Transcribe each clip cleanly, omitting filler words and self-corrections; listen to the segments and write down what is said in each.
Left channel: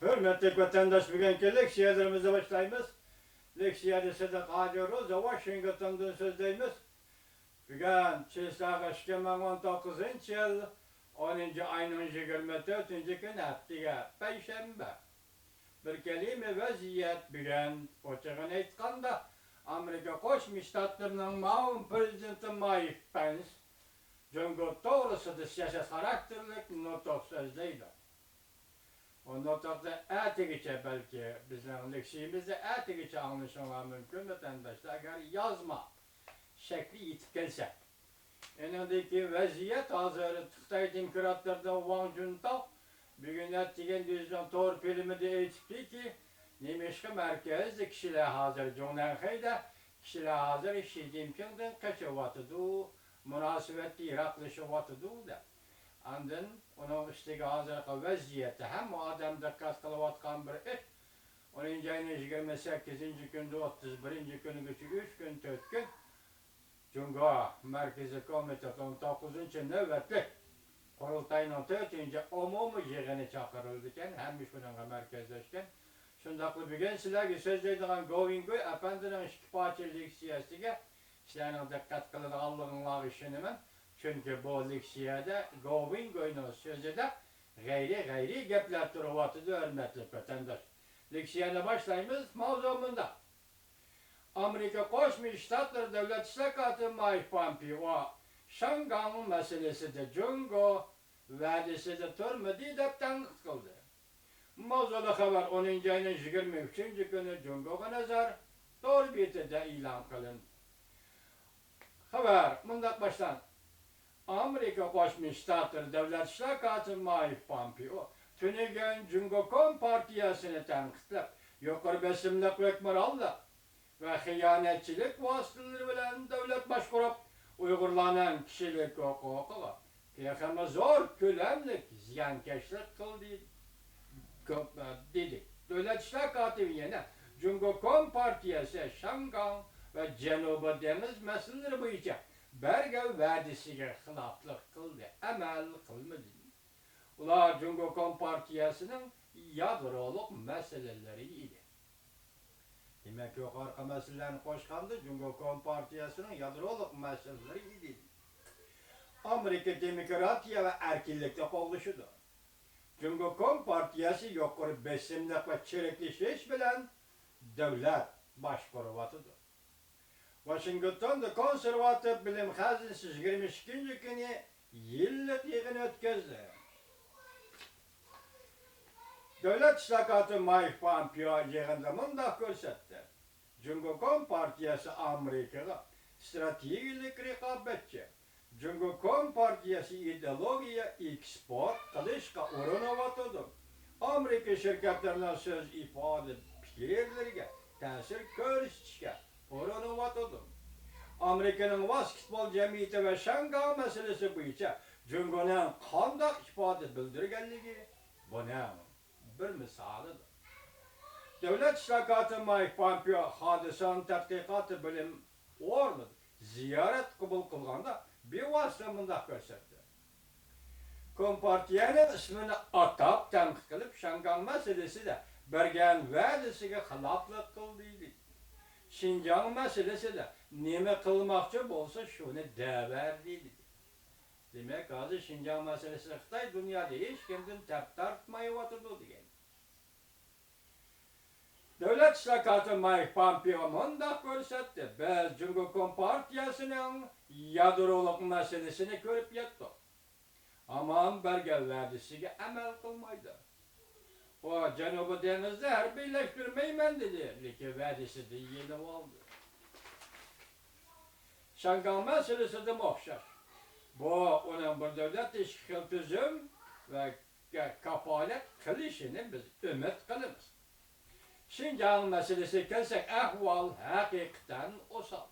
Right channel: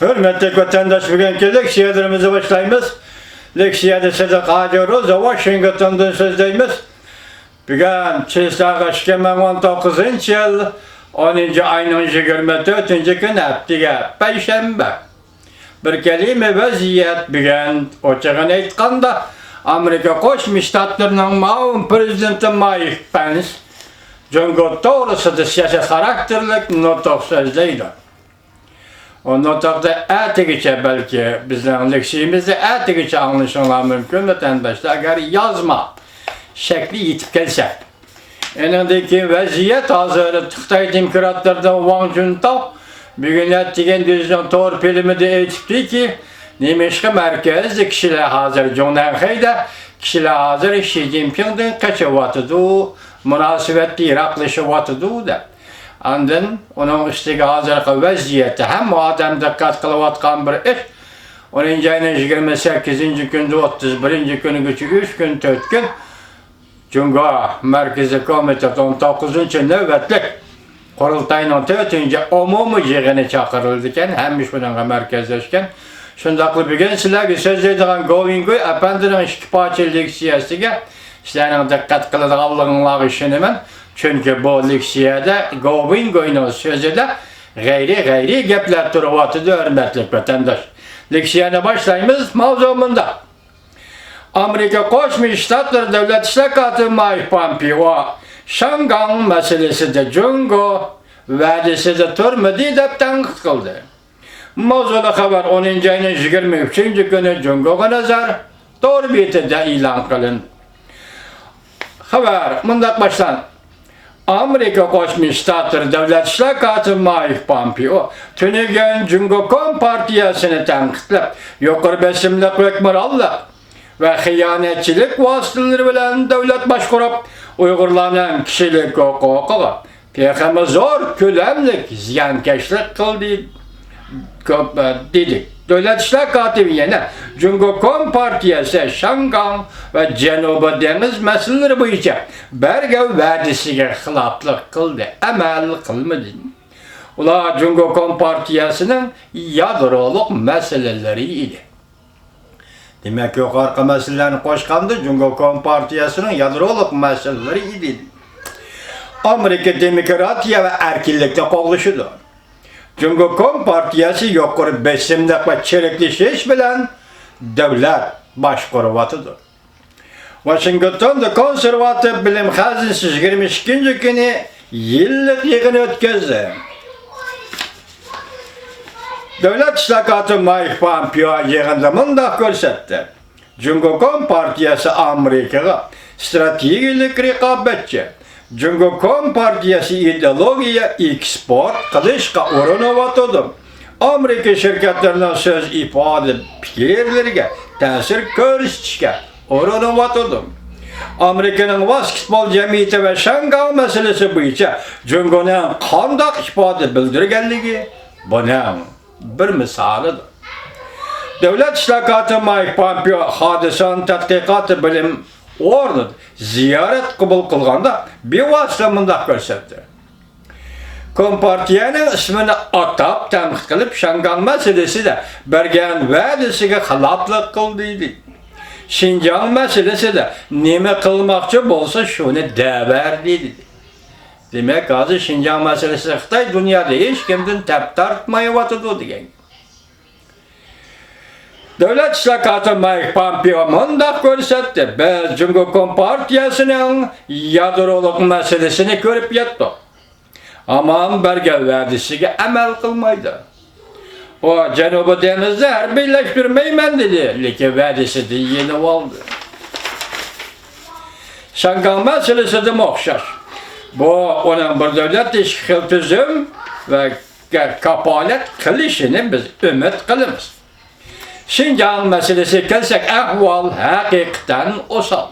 Hürmetli vatandaş, bugünkü leksiyalarımızı başlayımız. Leksiyada size kalıyoruz. Washington'dan sözdeyimiz. Bugün Çislağı 2019 yıl 10. ayın 24. gün haftiga Perşembe. Bir kelime vaziyet bugün oçağın aytqanda Amerika Qo'shma Shtatlarining ma'lum prezidenti Mike Pence Jungo to'g'risida siyosiy xarakterlik nutq so'zlaydi. O notaqda atigicha belki bizning leksiyamizda atigicha anlaşılmalar mümkün vatandaşlar agar yazma şekli yetib kelsa. Enindeki vaziyet hazır Xitoy demokratlardan Wang Juntao bugün ettiğin düzgün to'g'ri filmida aytibdiki, nemishqa markazda kishilar hazır Jonanxayda kishilar hazır Xi Jinpingdan qachyapti, munosabatni yiroqlashyapti deb. Andın onun üstüge hazırlıklı vaziyeti hem o adam dikkat kılıvatkan bir iş. 10. ayının 28. günde 31. günü geçi 3 gün 4 gün Cunga Merkezi Komitesi 19. nöbetlik Kurultayının 4. umumi yığını çakırıldıken hem iş bununla merkezleşken şundaklı bir gün sizlerle söz edilen Govingoy efendinin iştipaçilik siyasetiyle sizlerin dikkat kılıdığınlığı işinimin. Çünkü bu leksiyada Govingoy'un sözüde gayri gepler turvatıdır hürmetli vatandaş. Leksiyana başlayımız mavzumunda. Amerika Qo'shma Shtatlar Davlat İşleri Mike Pompeo Shangang meselesinde Jungo va'dasida turmadi deb tanqid qildi. Mavzuda xabar 10. ayının 23. günü Jungo'ga nazar to'g'ri betida e'lon qilindi. Xabar mundaq başlandı. Amerika Qo'shma Shtatlar Davlat İşleri Mike Pompeo tunigan Jungo Kompartiyasini tanqidlab, yuqori besimli hukmronlik ve xiyanatchilik vositalari bilan davlat boshqarib, Uyg'urlarning kishilik huquqiga texmi zo'r ko'lamlik ziyonkashlik qildi dedik. Davlat İşleri katibi yana Jungo Kompartiyasi Shangang ve Janubiy dengiz masalaları bo'yicha bergan va'dasiga xiloflik qildi, amal qilmadi. Ular Jungo Kompartiyasining yadroluk meseleleri idi. Demek yuqorqi masalalarni qo'shganda Jungo Kompartiyasining yadroluk meseleleri idi. Amerika demokratiya ve erkinlikni qo'llashidir. Jungo Kompartiyasi yuqori besimlik ve chiriklashish bilan davlat boshqaryaptidir. Washingtonda konservativ bilim xazinasi 22. günü yillik yig'in o'tkazdi. Davlat İşleri Mike Pompeo yig'inda mundaq ko'rsatdi. Jungo Kompartiyasi Amerikaga strategik raqobatchi. Jungo Kompartiyasi ideologiya eksport qilishga uriniyotir. Amerika şirketlerining söz ifade fikrlariga ta'sir ko'rsatishga uriniyotir. Amerikaning basketbol jamiyati ve Shangang meselesi bo'yicha Jungoning qanday ifade bildirganligi buning bir misolidir. Davlat İşleri Mike Pompeo hodisaning tadqiqoti bilim o'rnida ziyorat qabul qilganda bevosita mundaq ko'rsatdi. Kompartiyaning ismini atab tanqid qilib Shangang meselesida bergan va'dasiga xiloflik qildi dedi. Xinjiang meselesida nima qilmoqchi bo'lsa shuni davar dedi. Demak, hozir Xinjiang meselesi Xitoy dunyoda hech kimdan tap tortmayapti degan. Davlat İşleri Mike Pompeo mundaq ko'rsatdi. Biz Jungo Kompartiyasining yadroluk meselesini ko'rib yetdik. Aman bergan va'dasiga amal qilmaydi. O Janubiy dengizda harbiyleştirmeyman dedi, lekin va'dasida yenib oldi. Shangang meselesida o'xshash. Bu onun bir davlat ishqi tuzum ve kapolat qilishini biz umid qilamiz. Xinjiang meselesi kelsak ahvol haqiqatan osal.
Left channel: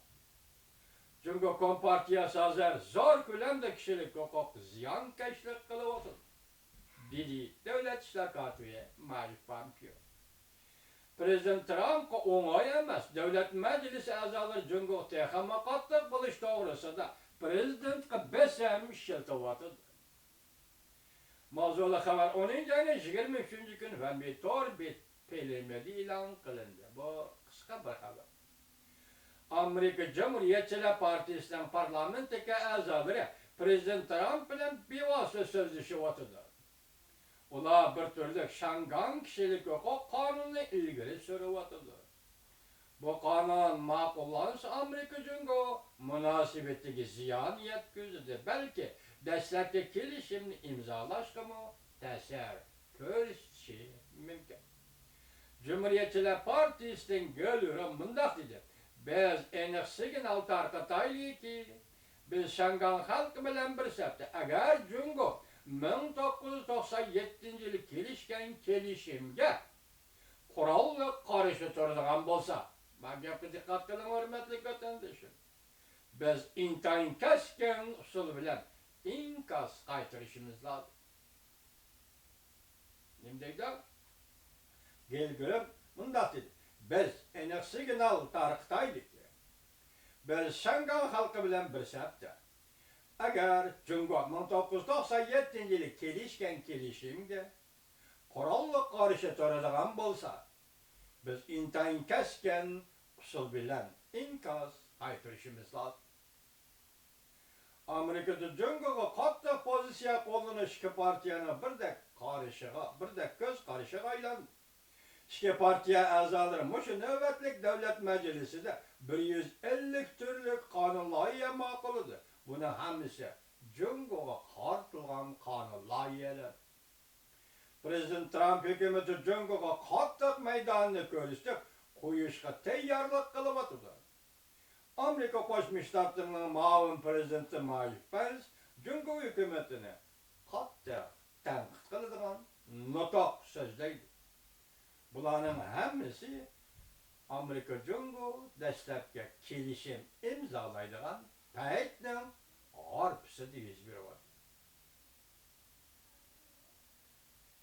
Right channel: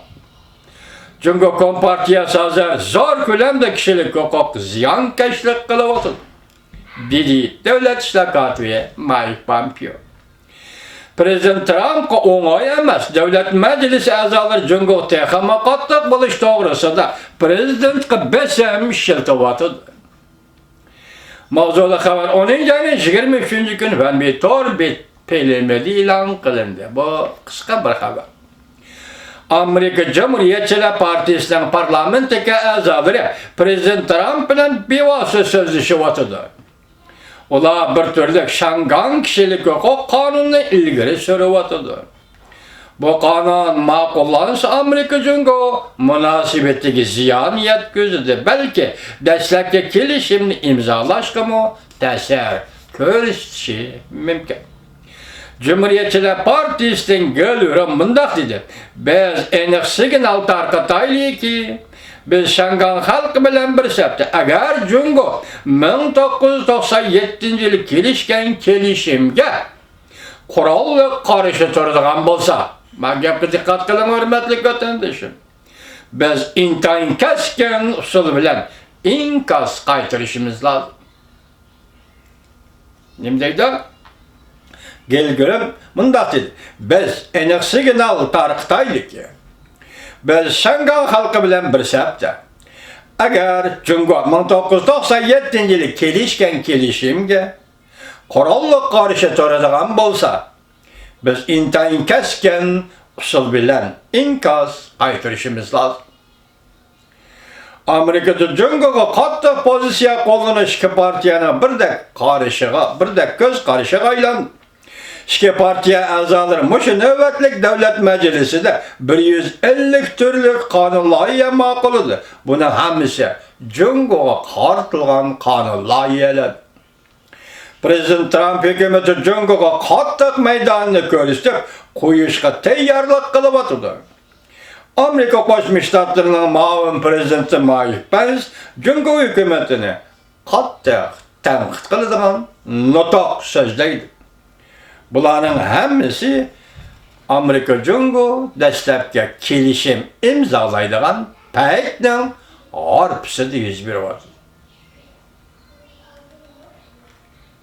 Jungo Kompartiyasi hozir zo'r ko'lamda kishilik huquq ziyonkashlik qilyapti, dedi Davlat İşleri katibi Mike Pompeo. Prezident Trumpga o'ng'ay emas, davlat majlisi a'zolari Jungo texmi qattiq bo'lish to'g'risida prezidentga besim shiltyapti. Mavzulu xabar 10 ayning 23-kuni Vanby Tor belgiledi e'lon qilindi. Bu qisqa bir xabar. Amerika Cumhuriyetçiler Partisi'nin parlamentdagi a'zolari Prezident Trump bilan bevosita so'zlashyapti. Ular bir turli Shangang kishilik huquq qonunini ilgari suryapti. Bu qonun ma'qullansa Amerika Jungo munosabatiga ziyon yetkazadi. Balki dastlabki kelishimni imzolashga ta'sir ko'rsatishi mumkin. Cumhuriyetçiler Partisi'nin gölürü mundaq dedi. Biz aniq signal tarqataylikki, biz Shangang xalqi bilan birikibdi. Agar Jungo 1997-yili kelishgan kelishimga qurolli qarshi turadigan bo'lsa, men gapga diqqat qiling hurmatli vatandoshim. Biz intayin kaskan usul bilan inkas qaytarishimiz lozim. Nima deydi? Gelgülüm mundaq dedi. Biz aniq signal tarqataylikki, biz Shangang xalqi bilan birikibdi. Agar Jungo 1997-yili kelishgan kelishimga qurolli qarshi turadigan bo'lsa, biz intayin kaskan usul bilan inkas qaytarishimiz lozim. Amerikada Jungoga qattiq pozitsiya qo'llanish ikki partiyaning birdek ko'z qarishiga aylandi. İki partiya a'zolari mushu navbatlik davlat majlisida 150 turli qonun loyiha ma'qulladi. Buni hammasi Jungoga qaratilgan qonun loyihalari. Prezident Trump hukumati Jungoga qattiq maydonni ko'rsatib qo'yishga tayyorlik qilyapti. Amerika Qo'shma Shtatlarining muavin prezidenti Mike Pence Jungo hukumatini qattiq tanqid qiladigan nutq so'zlaydi. Bularning hammasi Amerika Jungo dastlabki kelishim imzolaydigan paytning orqasida yuz beryapti.